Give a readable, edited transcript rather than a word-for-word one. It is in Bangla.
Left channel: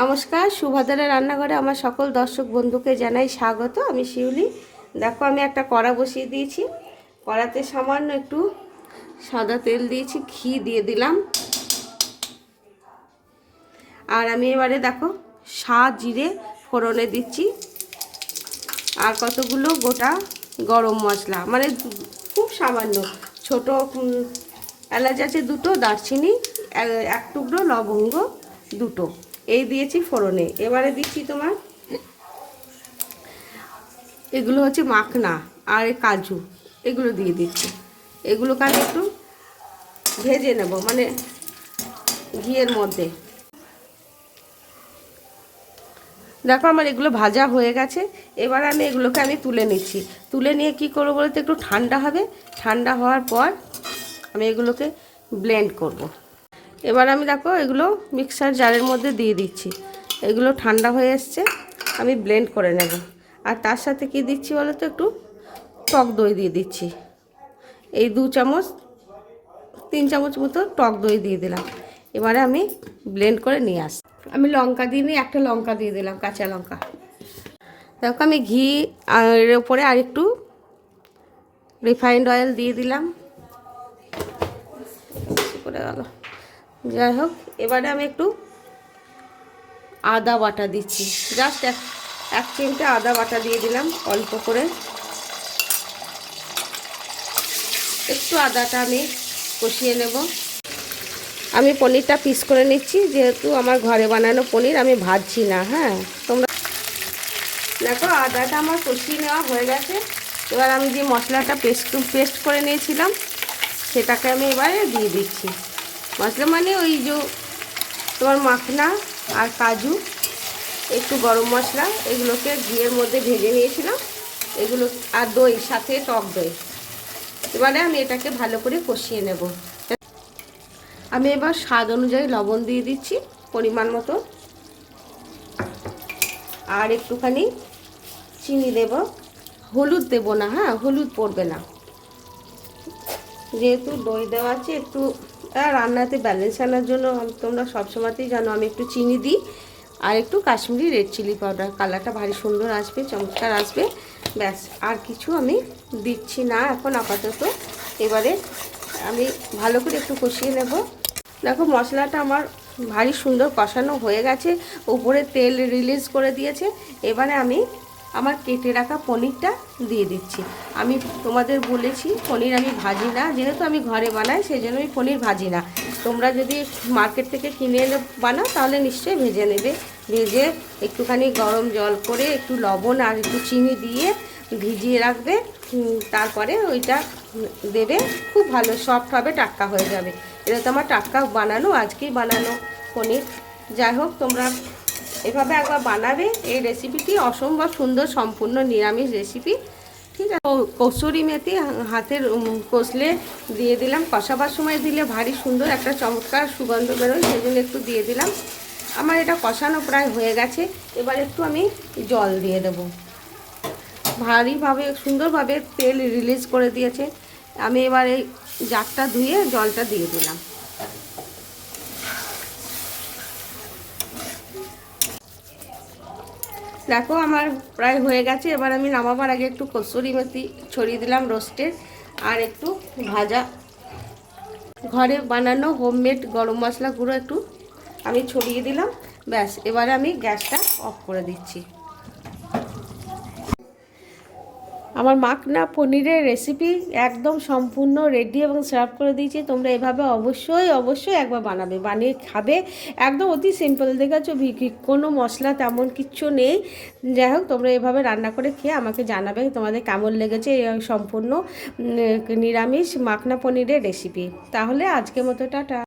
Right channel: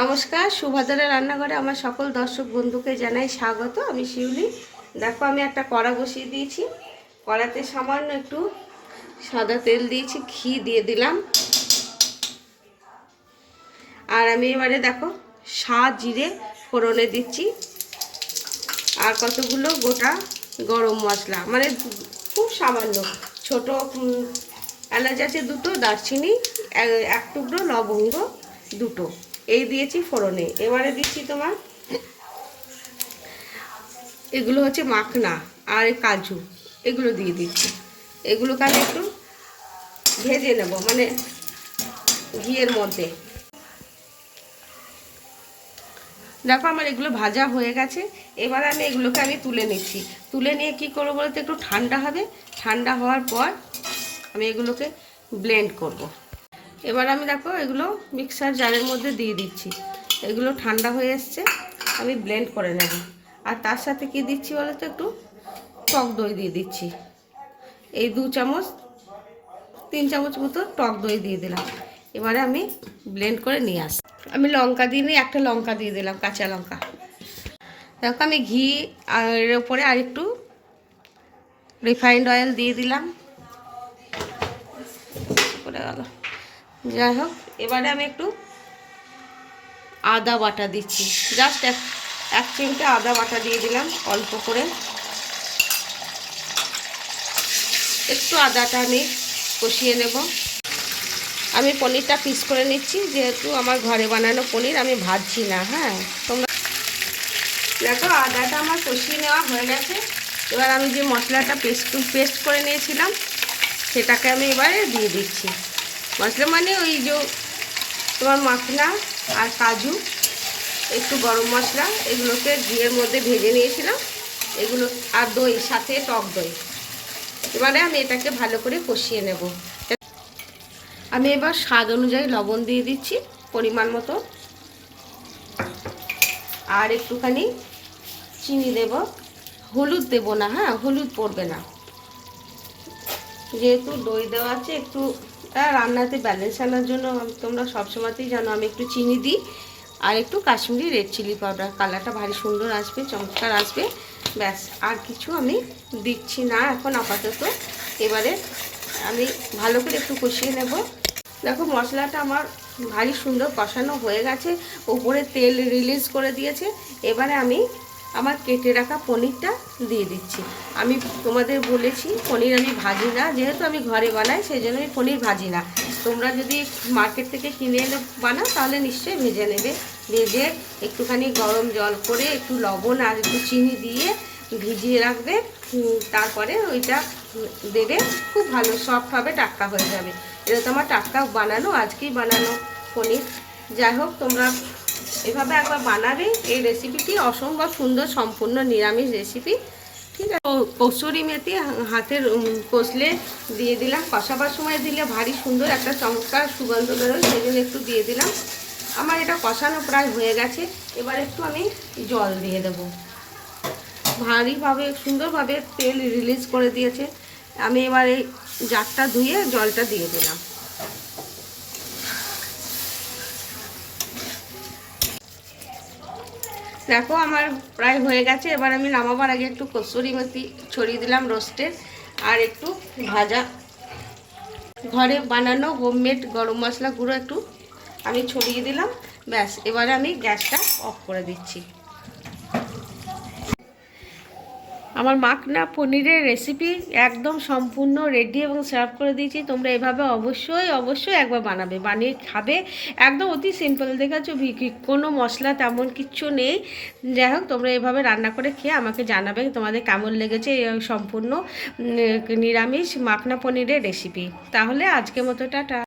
নমস্কার, সুভাদ্রা রান্নাঘরে আমার সকল দর্শক বন্ধুকে জানাই স্বাগত। আমি শিউলি। দেখো, আমি একটা কড়া বসিয়ে দিয়েছি। কড়াতে সামান্য একটু সাদা তেল দিয়েছি, ঘি দিয়ে দিলাম। আর আমি এবারে দেখো জিরে ফোড়নে দিচ্ছি, আর কতগুলো গোটা গরম মশলা, মানে খুব সামান্য। ছোট এলাচ আছে দুটো, দারচিনি এক টুকরো, লবঙ্গ দুটো, এই দিয়েছি ফোড়নে। এবারে দিচ্ছি তোমার এগুলো হচ্ছে মাখনা আর কাজু, এগুলো দিয়ে দিচ্ছি। এগুলোকে আমি একটু ভেজে নেব, মানে ঘিয়ের মধ্যে। দেখো আমার এগুলো ভাজা হয়ে গেছে। এবার এগুলোকে আমি তুলে নিচ্ছি। তুলে নিয়ে কি করবো বলতে, একটু ঠান্ডা হবে। ঠান্ডা হওয়ার পর আমি এগুলোকে ব্লেন্ড করব। এবার আমি দেখো এগুলো মিক্সার জারের মধ্যে দিয়ে দিচ্ছি। এগুলো ঠান্ডা হয়ে এসছে, আমি ব্লেন্ড করে নেব। আর তার সাথে কি দিচ্ছি বলো তো, একটু টক দই দিয়ে দিচ্ছি। এই 2 চামচ 3 চামচ মতো টক দই দিয়ে দিলাম। এবারে আমি ব্লেন্ড করে নিয়ে আসি। আমি লঙ্কা দিইনি, একটা লঙ্কা দিয়ে দিলাম, কাঁচা লঙ্কা। দেখো আমি ঘি এর উপরে আর একটু রিফাইন্ড অয়েল দিয়ে দিলাম। করে গেল, যাই হোক। এবারে আমি একটু আদা বাটা দিচ্ছি, জাস্ট এক চিমটে আদা বাটা দিয়ে দিলাম অল্প করে। একটু আদাটা আমি কষিয়ে নেব। আমি পনিরটা পিস করে নিচ্ছি, যেহেতু আমার ঘরে বানানো পনির, আমি ভাজছি না। হ্যাঁ, তোমরা দেখো আদাটা আমার কষিয়ে নেওয়া হয়ে গেছে। এবার আমি যে মশলাটা পেস্ট করে নিয়েছিলাম সেটাকে আমি এবারে দিয়ে দিচ্ছি। মশলা মানে ওই যে তোমার মাখনা আর কাজু, একটু গরম মশলা, এগুলোকে ঘিয়ের মধ্যে ভেজে নিয়েছিলাম এগুলো, আর দই, সাথে টক দই। এবারে আমি এটাকে ভালো করে কষিয়ে নেব। আমি এবার স্বাদ অনুযায়ী লবণ দিয়ে দিচ্ছি পরিমাণ মতো, আর একটুখানি চিনি দেব। হলুদ দেব না, হ্যাঁ হলুদ পড়বে না, যেহেতু দই দেওয়া আছে। একটু রান্নাতে ব্যালেন্স আনার জন্য তোমরা সবসময়তেই জানো আমি একটু চিনি দিই, আর একটু কাশ্মীরি রেড চিলি পাউডার, কালারটা ভারী সুন্দর আসবে, চমৎকার আসবে। ব্যাস, আর কিছু আমি দিচ্ছি না এখন আপাতত। এবারে আমি ভালো করে একটু কষিয়ে নেব। দেখো মশলাটা আমার ভারী সুন্দর কষানো হয়ে গেছে, উপরে তেল রিলিজ করে দিয়েছে। এবারে আমি আমার কেটে রাখা পনিরটা দিয়ে দিচ্ছি। আমি তোমাদের বলেছি পনির আমি ভাজি না, যেহেতু আমি ঘরে বানাই সেই জন্য আমি পনির ভাজি না। তোমরা যদি মার্কেট থেকে কিনে এনে বানাও তাহলে নিশ্চয়ই ভেজে নেবে। ভেজে একটুখানি গরম জল করে একটু লবণ আর একটু চিনি দিয়ে ভিজিয়ে রাখবে। তারপরে ওইটা দেবে, খুব ভালো সফট হবে, টাটকা হয়ে যাবে। এটা তো আমার টাটকা বানানো, আজকেই বানানো পনির। যাই হোক, তোমরা এভাবে একবার বানাবে। এই রেসিপিটি অসম্ভব সুন্দর, সম্পূর্ণ নিরামিষ রেসিপি। ঠিক আছে। কসুরি মেথি হাতের কষলে দিয়ে দিলাম, কষাবার সময় দিলে ভারী সুন্দর একটা চমৎকার সুগন্ধ বেরোয়, সেই জন্য একটু দিয়ে দিলাম। আমার এটা কষানো প্রায় হয়ে গেছে। এবার একটু আমি জল দিয়ে দেবো। ভারীভাবে সুন্দরভাবে তেল রিলিজ করে দিয়েছে। আমি এবার এই জারটা ধুয়ে জলটা দিয়ে দিলাম। দেখো আমার প্রায় হয়ে গেছে। এবার আমি নামাবার আগে একটু কসুরি মেথি ছড়িয়ে দিলাম রোস্টের, আর একটু ভাজা ঘরে বানানো হোমমেড গরম মশলা গুঁড়ো একটু আমি ছড়িয়ে দিলাম। ব্যাস, এবারে আমি গ্যাসটা অফ করে দিচ্ছি। আমার মাখনা পনিরের রেসিপি একদম সম্পূর্ণ রেডি এবং সার্ভ করে দিয়েছি। তোমরা এভাবে অবশ্যই অবশ্যই একবার বানাবে, বানিয়ে খাবে। একদম অতি সিম্পল, দেখেছো, কোনো মশলা তেমন কিচ্ছু নেই। যাই হোক, তোমরা এভাবে রান্না করে খেয়ে আমাকে জানাবে তোমাদের কেমন লেগেছে এই সম্পূর্ণ নিরামিষ মাখনা পনিরের রেসিপি। তাহলে আজকের মতো টাটা।